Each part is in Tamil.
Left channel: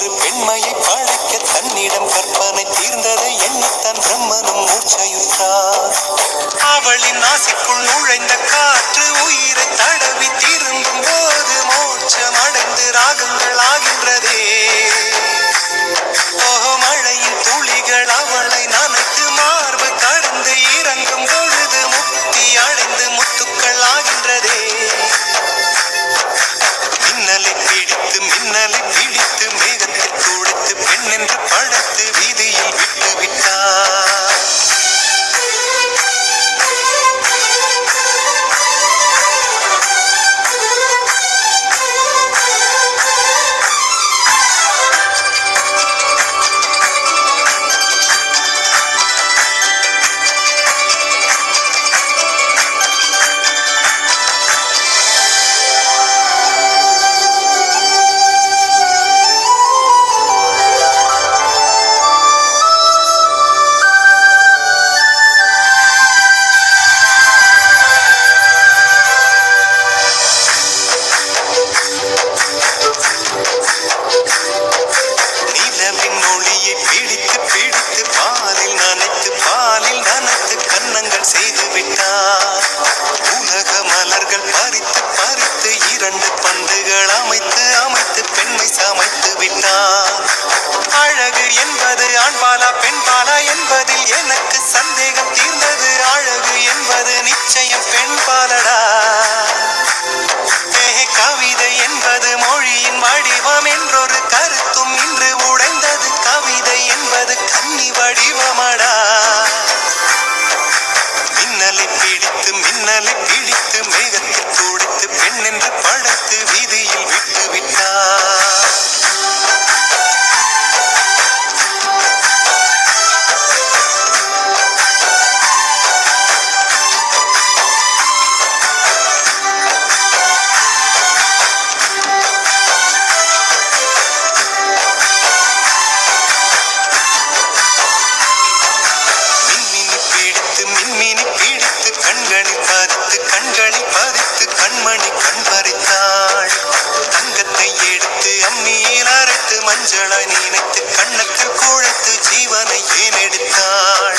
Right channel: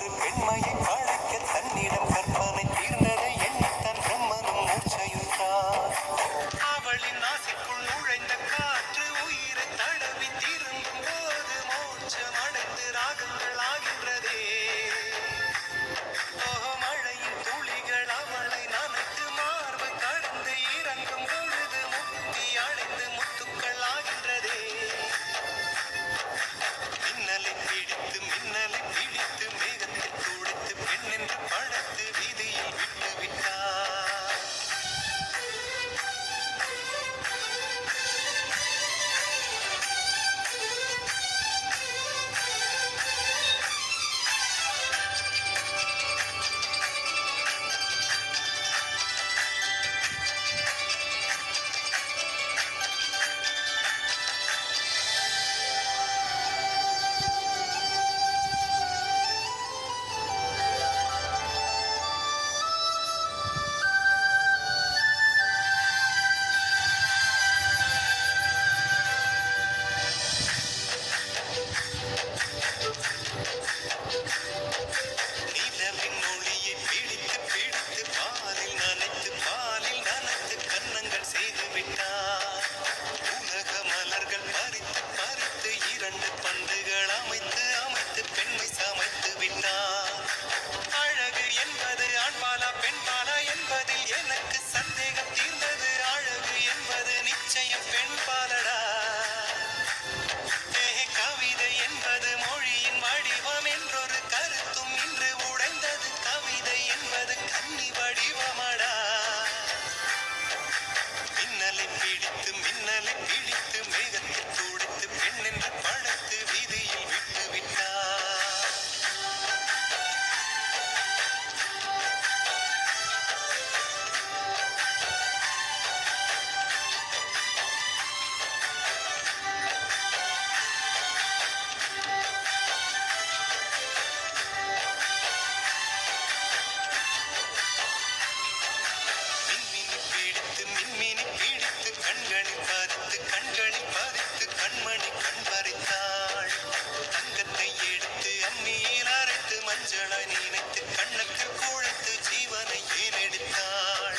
ஒரு பெண்மையை படைக்க தன்னிடம் கற்பனை தீர்ந்ததை எண்ணித்தான் பிரம்மனும் மூர்ச்சையுற்றார். அவளின் ஆசைக்குள் நுழைந்த காற்று உயிரை தடவி திரும்பும் போது மோட்சம் அடைந்து ராகங்கள் ஆகின்றதே. மழையின் துளிகள் அவளை நனைத்து மார்பு கடந்து இறங்கும் பொழுது முக்தி அடைந்து முத்துக்கள் ஆகின்றதே. மின்னலை பிடித்து மேகத்தில் துடைத்து பெண் என்று படைத்து வீதியில் விட்டு விட்டார். பாலில் நனைத்து கன்னங்கள் செய்து விட்டார். உலக மலர்கள் பறித்து இரண்டு பந்துகள் அமைத்து பெண்மை சமைத்து விட்டார். அழகு என்பது ஆண்பாலா பெண்பாலா என்பதில் எனக்கு சந்தேகம் தீர்ந்தது. அழகு என்பது நிச்சயம் பெண்பாலடா. கவிதை என்பது மொழியின் வடிவம் என்றொரு கருத்தும் இன்று உடைந்தது. கவிதை என்பது கன்னி வடிவமடா. மின்னலை பிடித்து மேகத்தில் துடைத்து பெண் என்று படைத்து வீதியில் விட்டு விட்டார். கண்களில் பதித்து கண்மணி கண் பறித்தாள். தங்கத்தை எடுத்து அம்மியில் அரைத்து மஞ்சளாய் நினைத்து கண்ணத்தில் குழைத்து ஜீவனை ஏன் எடுத்தாள்.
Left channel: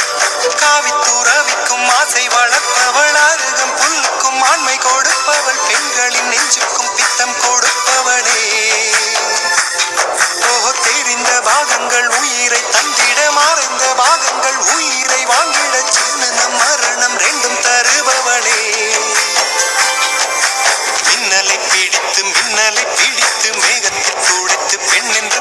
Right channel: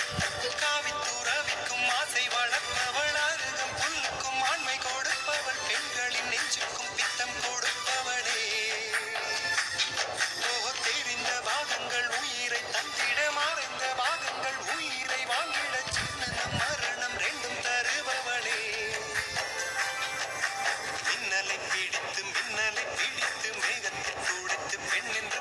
காவித்துறவிக்கும் ஆசை வளர்ப்பவள், அருகம் புல்லுக்கும் ஆண்மை கொடுப்பவள், பெண்களின் நெஞ்சுக்கும் பித்தம் கொடுப்பவளே. தெரிந்த பாகங்கள் உயிரை தந்திட, மறைந்த பாகங்கள் உயிரை வாங்கிட, ஜனனம் மரணம் ரெண்டும் தருபவளே. மின்னலை பிடித்து மேகத்தில் துடைத்து பெண் என்று